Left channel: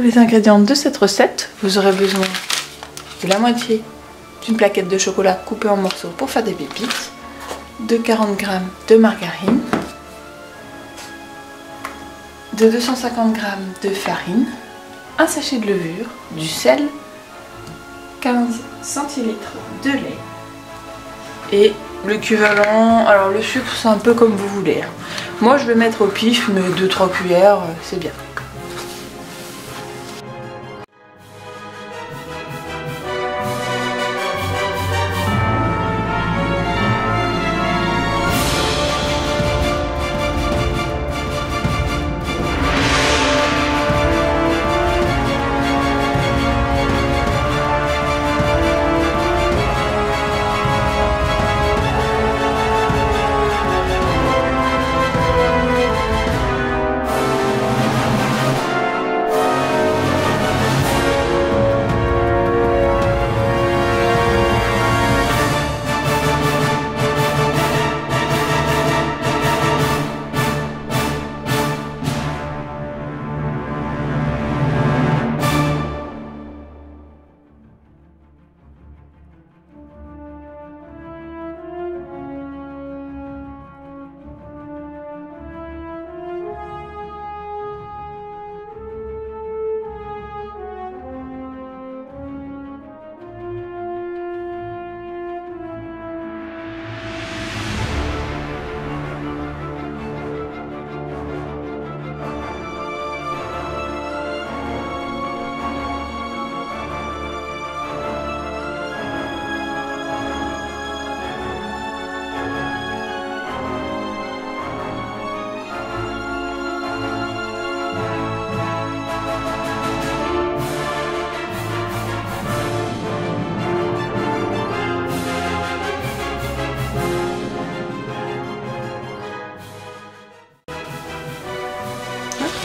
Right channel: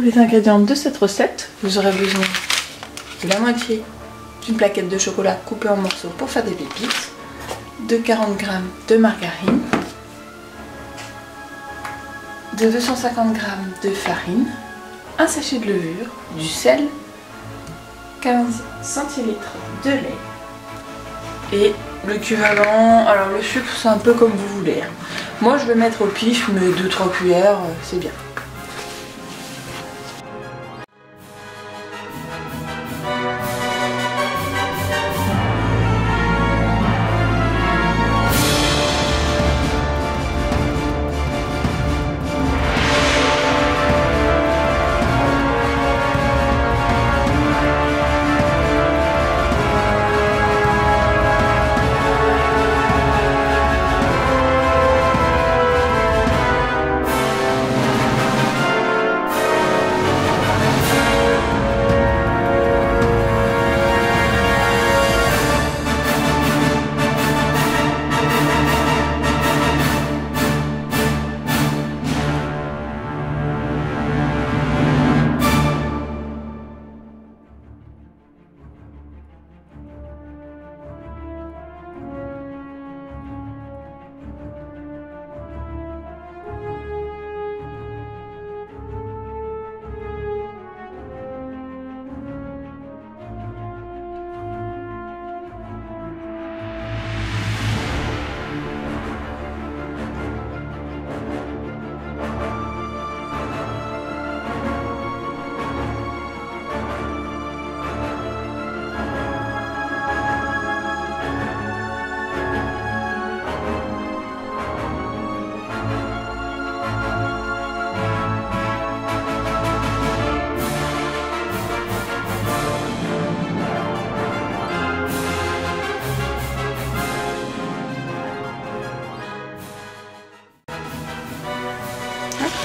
pour les ingrédients de cette recette. Vous aurez besoin de la moitié d'une plaquette de chocolat coupée en morceaux pour faire des pépites, de 40 g de margarine, de 250 g de farine, un sachet de levure, du sel, 15 centilitres de lait et l'équivalent, alors le sucre c'est un peu comme vous voulez. Moi je vais mettre au pif, mais 2-3 cuillères c'est bien.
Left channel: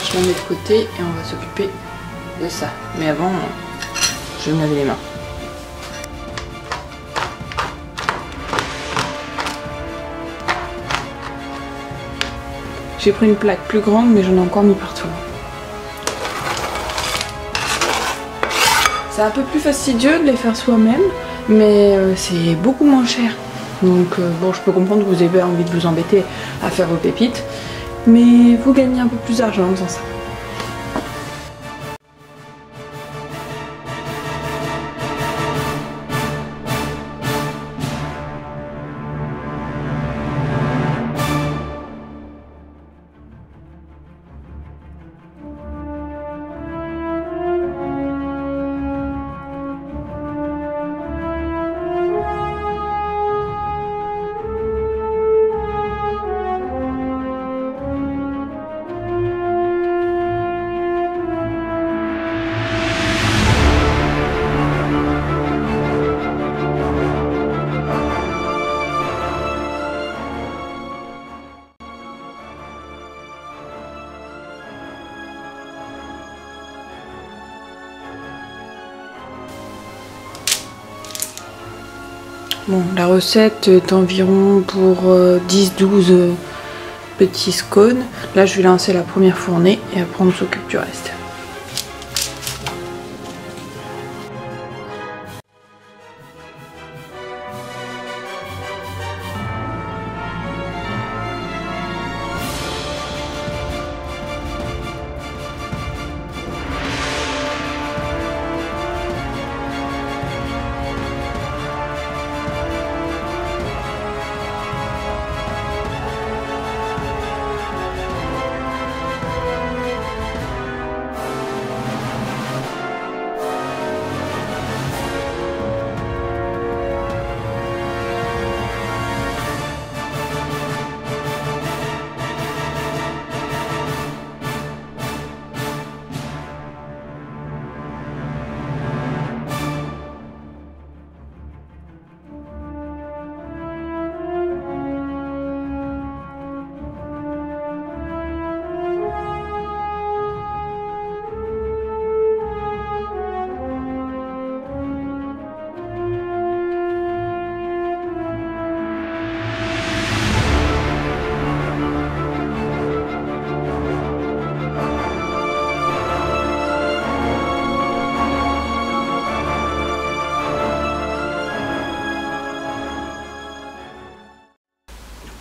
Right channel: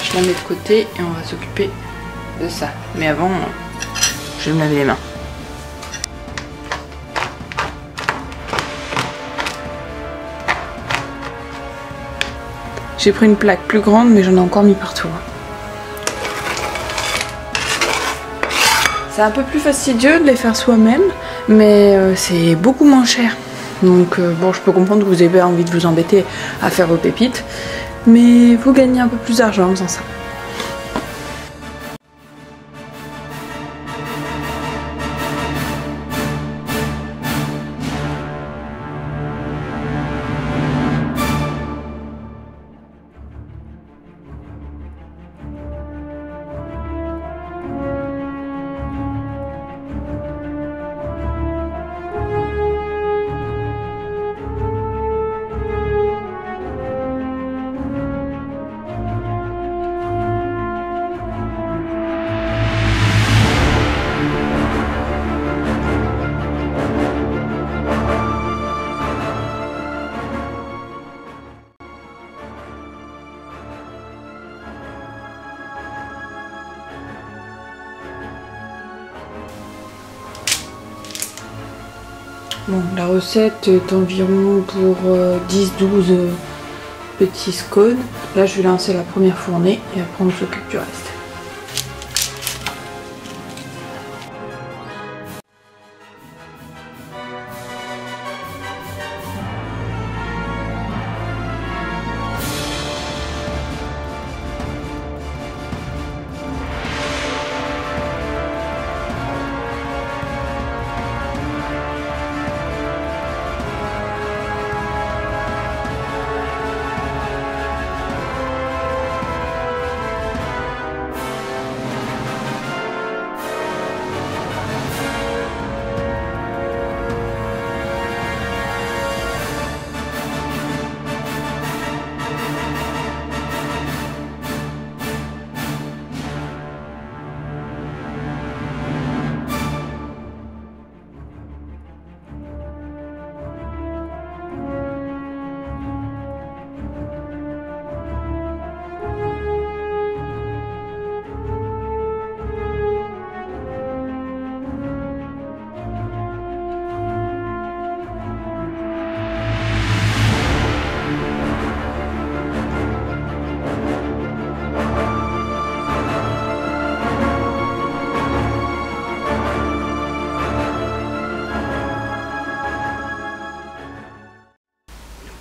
Je la mets de côté et on va s'occuper de ça. Mais avant, je vais me laver les mains. J'ai pris une plaque plus grande, mais j'en ai encore mis partout. C'est un peu plus fastidieux de les faire soi-même, mais c'est beaucoup moins cher. Donc bon, je peux comprendre que vous avez envie de vous embêter à faire vos pépites, mais vous gagnez un peu plus d'argent en faisant ça. Bon, la recette est environ pour 10-12 petits scones. Là, je vais lancer la première fournée et après on s'occupe du reste.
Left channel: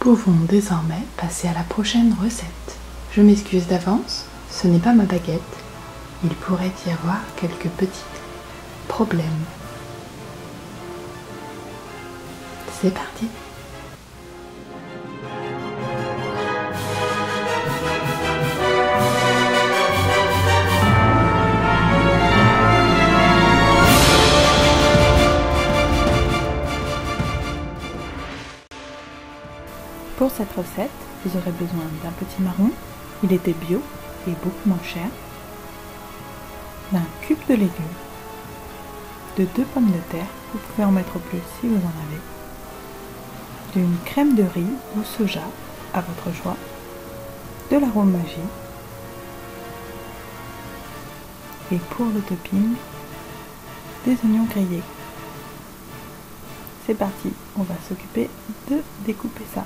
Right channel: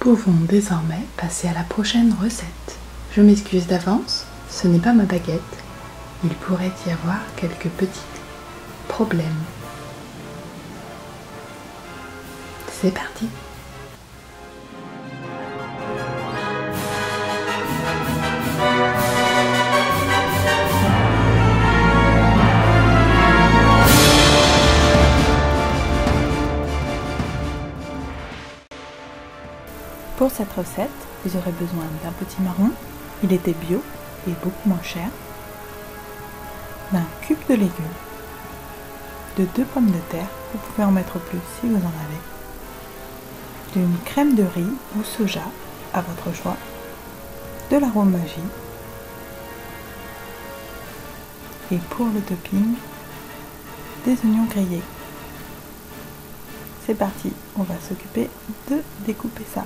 pouvons désormais passer à la prochaine recette. Je m'excuse d'avance, ce n'est pas ma baguette. Il pourrait y avoir quelques petits problèmes. C'est parti! Pour cette recette, vous aurez besoin d'un petit marron, il était bio et beaucoup moins cher, d'un cube de légumes, de 2 pommes de terre, vous pouvez en mettre plus si vous en avez, d'une crème de riz ou soja à votre choix, de l'arôme magie et pour le topping, des oignons grillés. C'est parti, on va s'occuper de découper ça.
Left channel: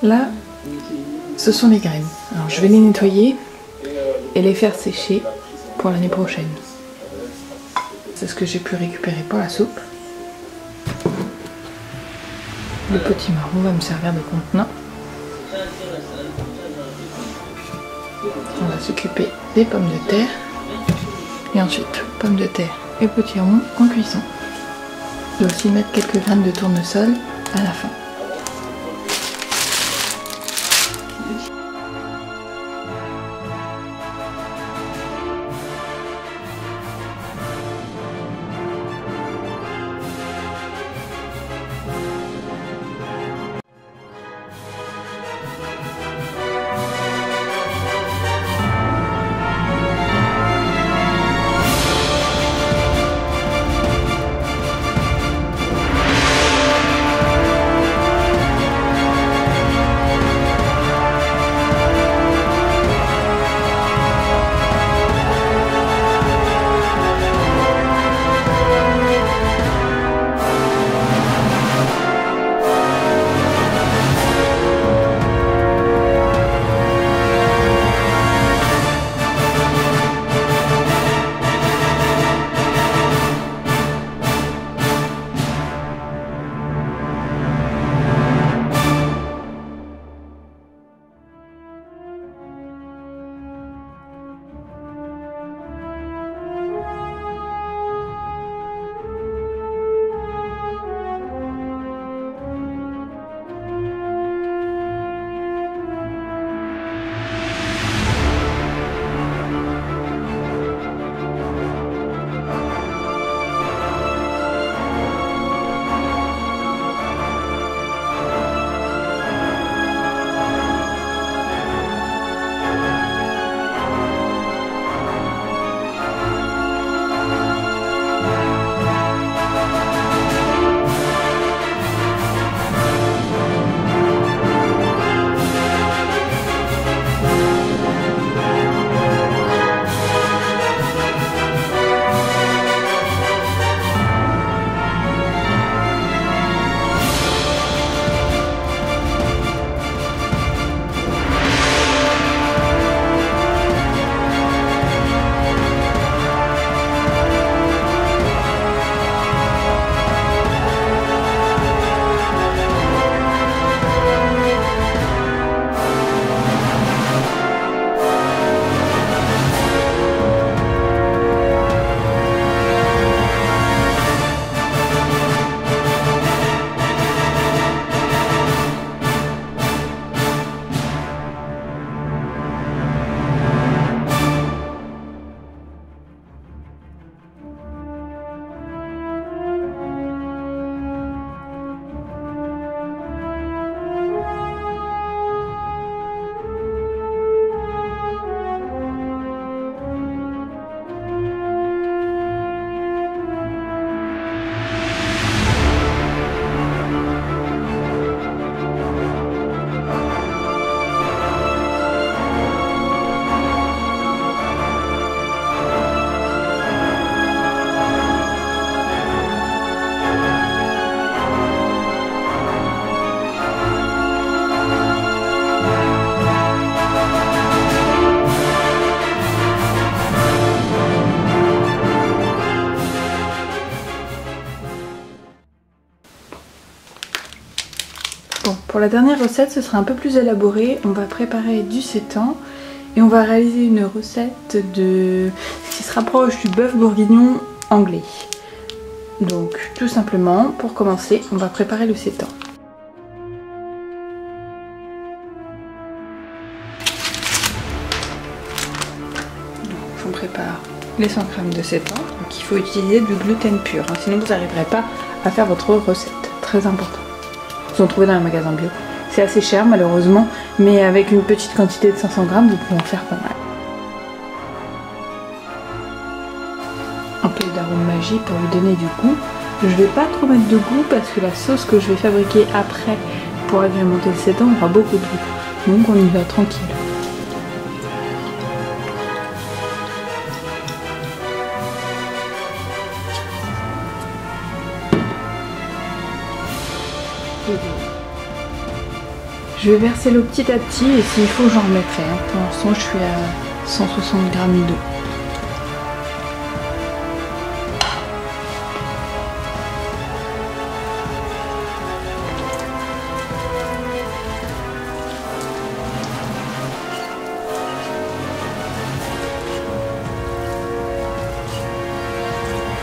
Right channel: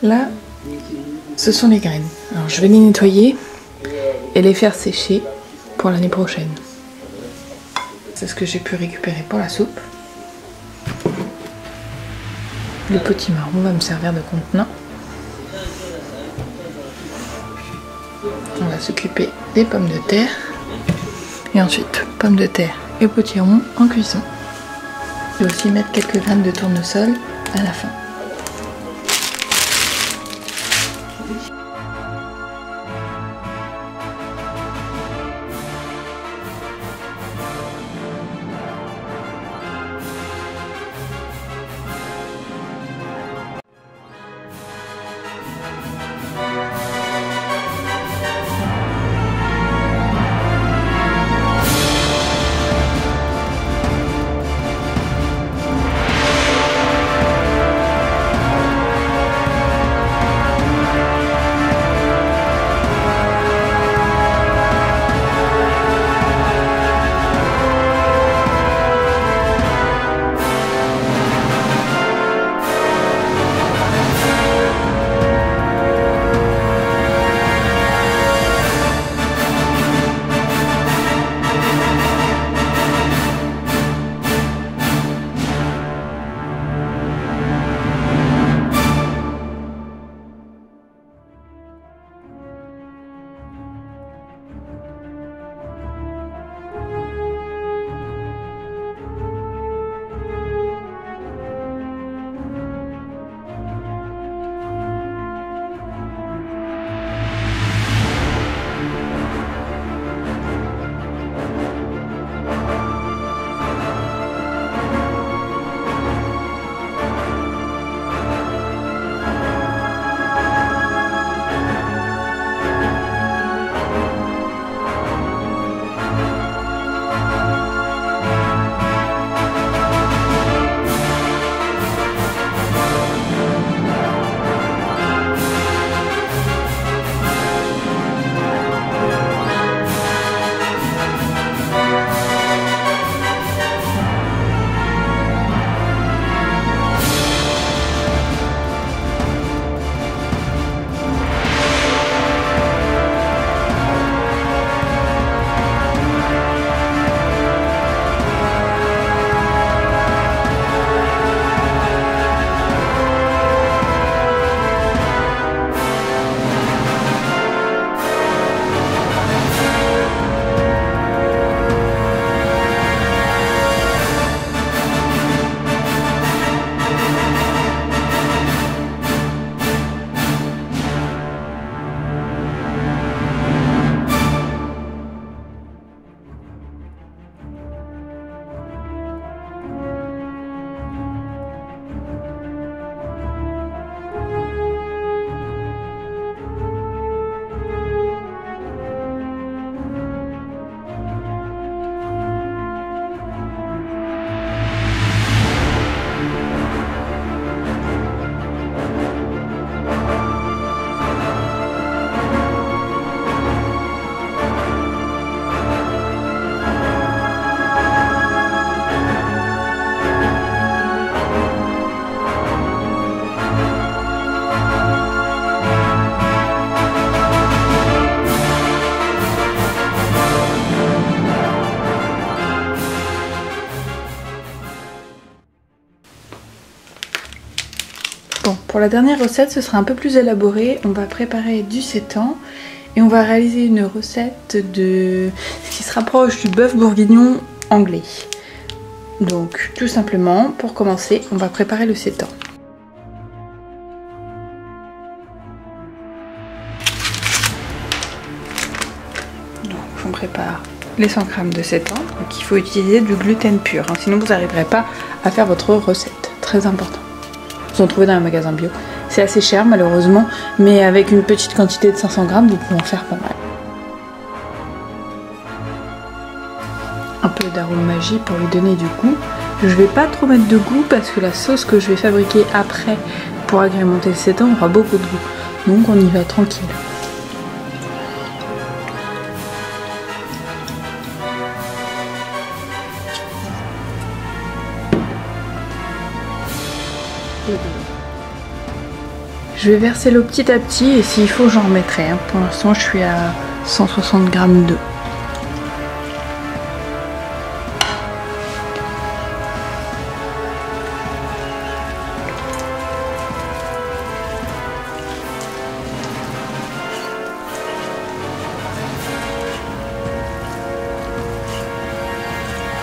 Là, ce sont les graines. Alors je vais les nettoyer et les faire sécher pour l'année prochaine. C'est ce que j'ai pu récupérer pour la soupe. Le petit marron va me servir de contenant. On va s'occuper des pommes de terre. Et ensuite, pommes de terre et potiron en cuisson. Je vais aussi mettre quelques graines de tournesol à la fin. Bon, pour la dernière recette, ce sera un peu plus élaboré. On va préparer du sétan et on va réaliser une recette de ce qui se rapproche du bœuf bourguignon anglais. Donc, tout simplement, pour commencer, on va préparer le sétan. Donc, on prépare les 100 g de sétan. Donc, il faut utiliser du gluten pur, hein, sinon vous n'arriverez pas à faire votre recette. Très important. Vous en trouvez dans un magasin bio. C'est assez cher malheureusement, mais avec une petite quantité de 500 g, vous pouvez en faire pas mal. Un peu d'arôme magie pour lui donner du goût. Je vais pas trop mettre de goût parce que la sauce que je vais fabriquer après pour agrémenter le sétan aura beaucoup de goût. Donc on y va tranquille. Je vais verser l'eau petit à petit et s'il faut j'en remettrai. Hein. Pour l'instant je suis à 160 g d'eau.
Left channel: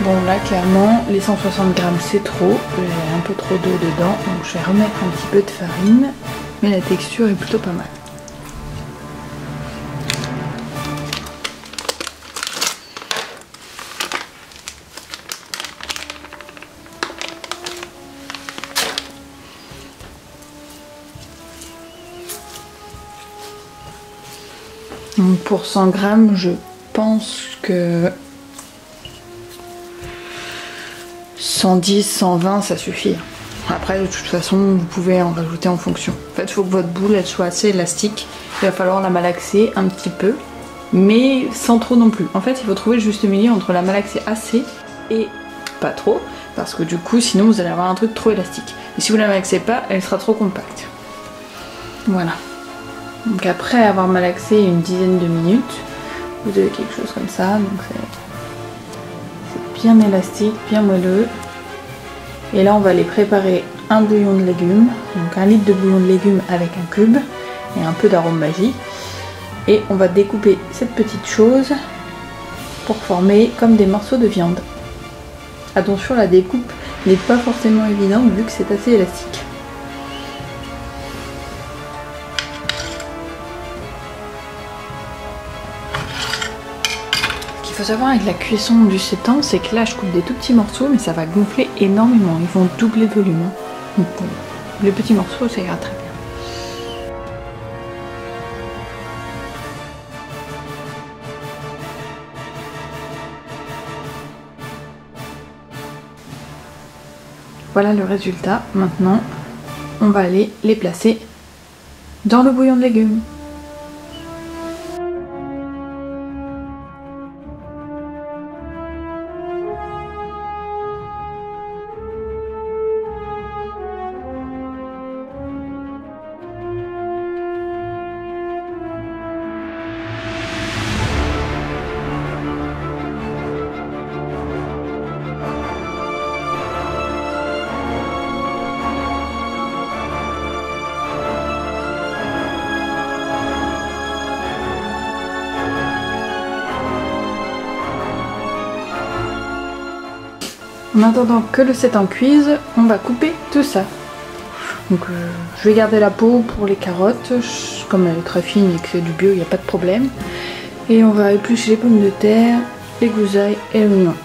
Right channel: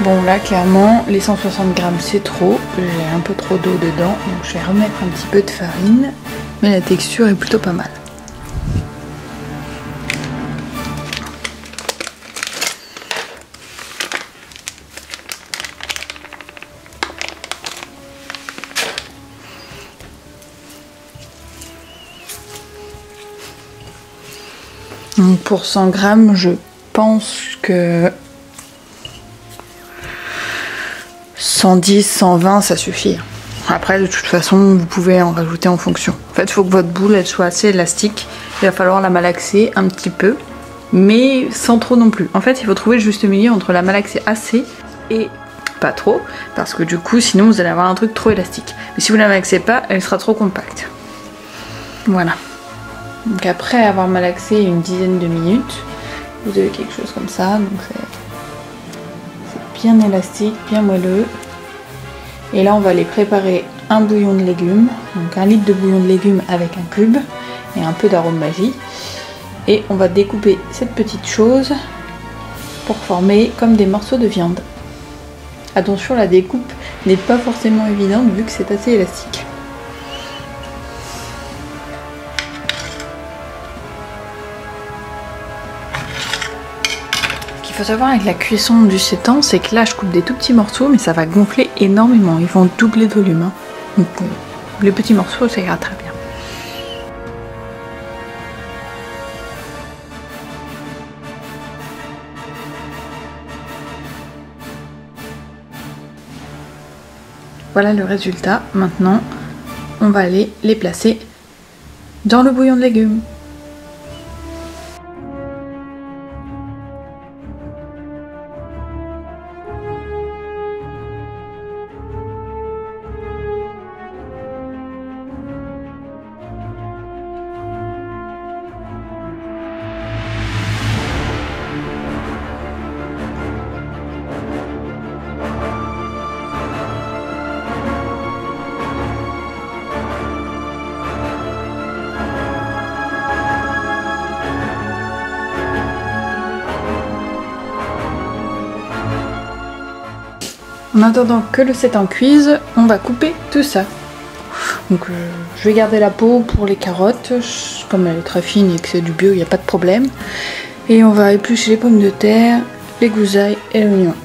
Bon là clairement les 160 g c'est trop, j'ai un peu trop d'eau dedans, donc je vais remettre un petit peu de farine, mais la texture est plutôt pas mal. Donc pour 100 g je pense que 110, 120 ça suffit. Après de toute façon vous pouvez en rajouter en fonction. En fait il faut que votre boule elle soit assez élastique. Il va falloir la malaxer un petit peu. Mais sans trop non plus. En fait il faut trouver le juste milieu entre la malaxer assez et pas trop. Parce que du coup sinon vous allez avoir un truc trop élastique. Et si vous la malaxez pas elle sera trop compacte. Voilà. Donc après avoir malaxé une dizaine de minutes. Vous avez quelque chose comme ça. Donc c'est bien élastique, bien moelleux. Et là on va aller préparer un bouillon de légumes, donc 1 litre de bouillon de légumes avec un cube et un peu d'arôme magie. Et on va découper cette petite chose pour former comme des morceaux de viande. Attention, la découpe n'est pas forcément évidente vu que c'est assez élastique. Ce qu'il faut savoir avec la cuisson du sétan, c'est que là je coupe des tout petits morceaux, mais ça va gonfler énormément, ils vont doubler de volume. Hein. Donc les petits morceaux ça ira très bien. Voilà le résultat. Maintenant, on va aller les placer dans le bouillon de légumes. En attendant que le sétan cuise, on va couper tout ça. Donc je vais garder la peau pour les carottes, comme elle est très fine et que c'est du bio, il n'y a pas de problème. Et on va éplucher les pommes de terre, les gousailles et l'oignon.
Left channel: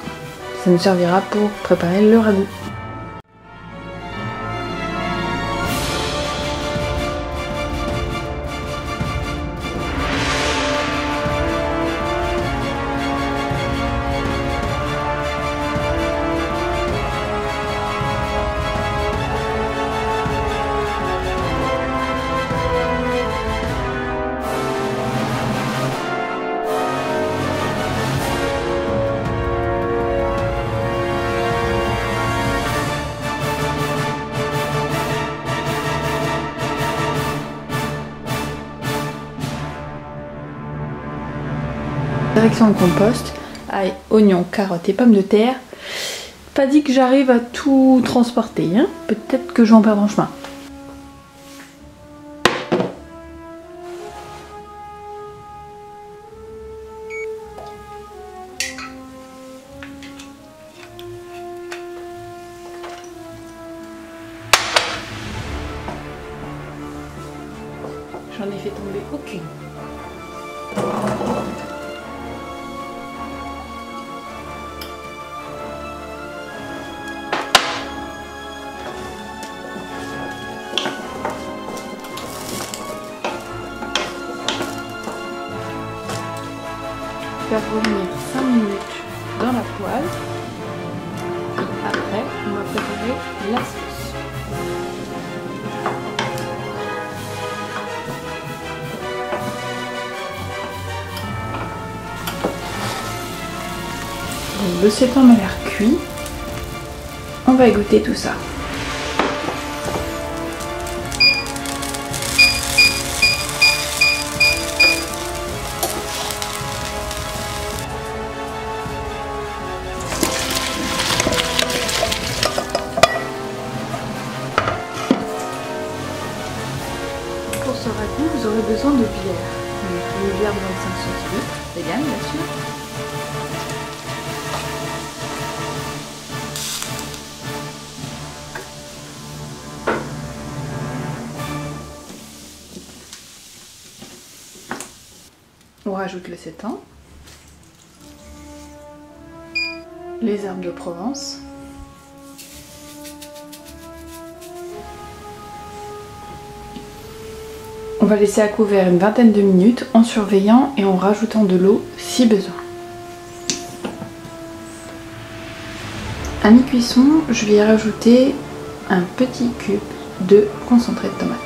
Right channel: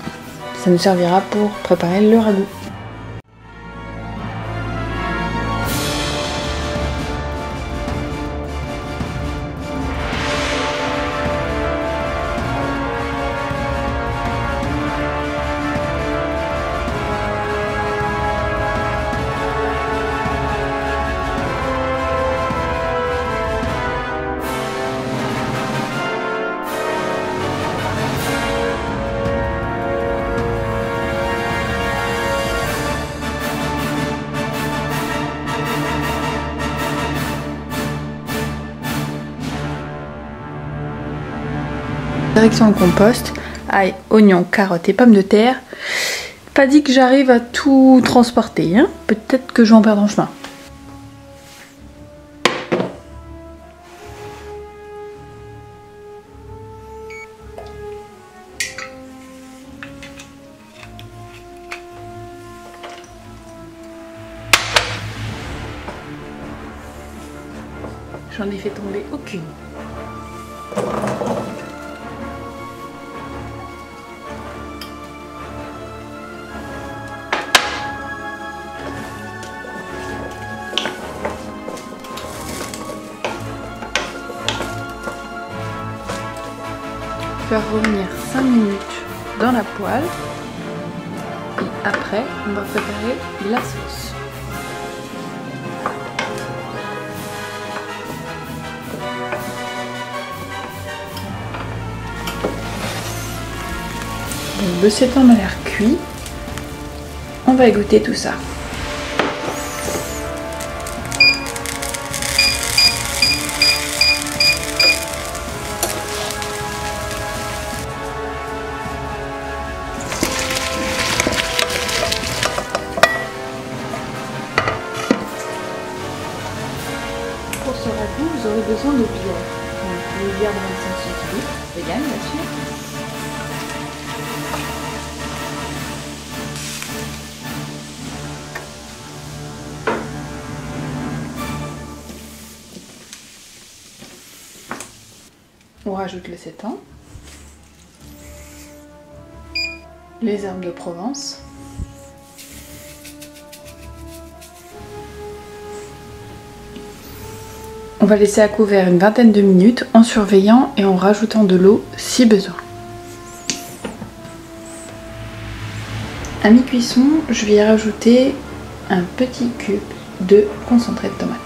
Ça nous servira pour préparer le ragoût. Direction le compost, ail, oignons, carottes et pommes de terre. Pas dit que j'arrive à tout transporter, hein. Peut-être que je vais en perdre en chemin. j'en ai fait tomber aucune. Faire revenir 5 minutes dans la poêle et après on va préparer la sauce. Donc le seitan a l'air cuit, on va égoutter tout ça. Pour ce ragoût, vous aurez besoin de bière. Une bière de 25 centilitres, vegan bien sûr. On rajoute le seitan, les herbes de Provence, on va laisser à couvert une vingtaine de minutes en surveillant et en rajoutant de l'eau si besoin. À mi-cuisson, je vais y rajouter un petit cube de concentré de tomate.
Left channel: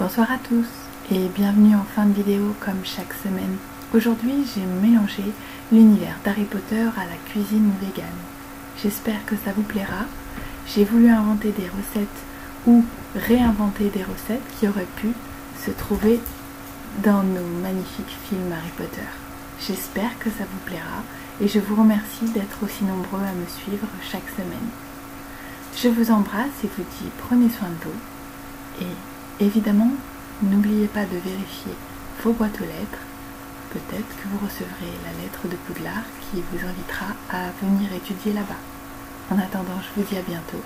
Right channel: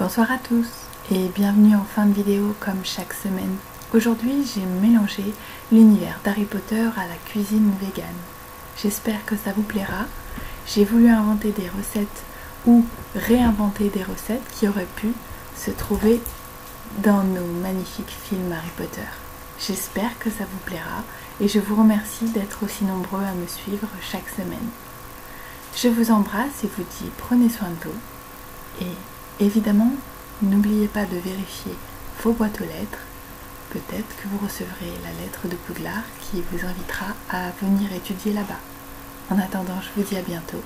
Bonsoir à tous et bienvenue en fin de vidéo comme chaque semaine. Aujourd'hui j'ai mélangé l'univers d'Harry Potter à la cuisine végane. J'espère que ça vous plaira. J'ai voulu inventer des recettes ou réinventer des recettes qui auraient pu se trouver dans nos magnifiques films Harry Potter. J'espère que ça vous plaira et je vous remercie d'être aussi nombreux à me suivre chaque semaine. Je vous embrasse et vous dis prenez soin de vous et évidemment, n'oubliez pas de vérifier vos boîtes aux lettres. Peut-être que vous recevrez la lettre de Poudlard qui vous invitera à venir étudier là-bas. En attendant, je vous dis à bientôt.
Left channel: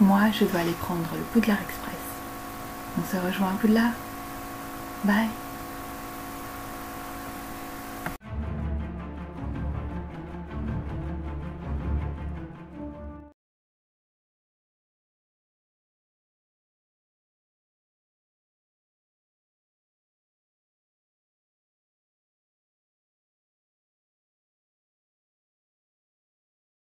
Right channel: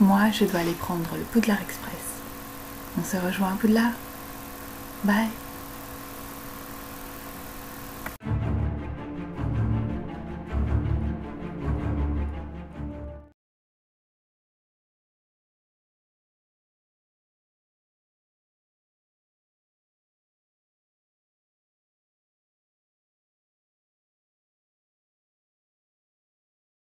Moi, je dois aller prendre le Poudlard Express. On se rejoint à Poudlard. Bye!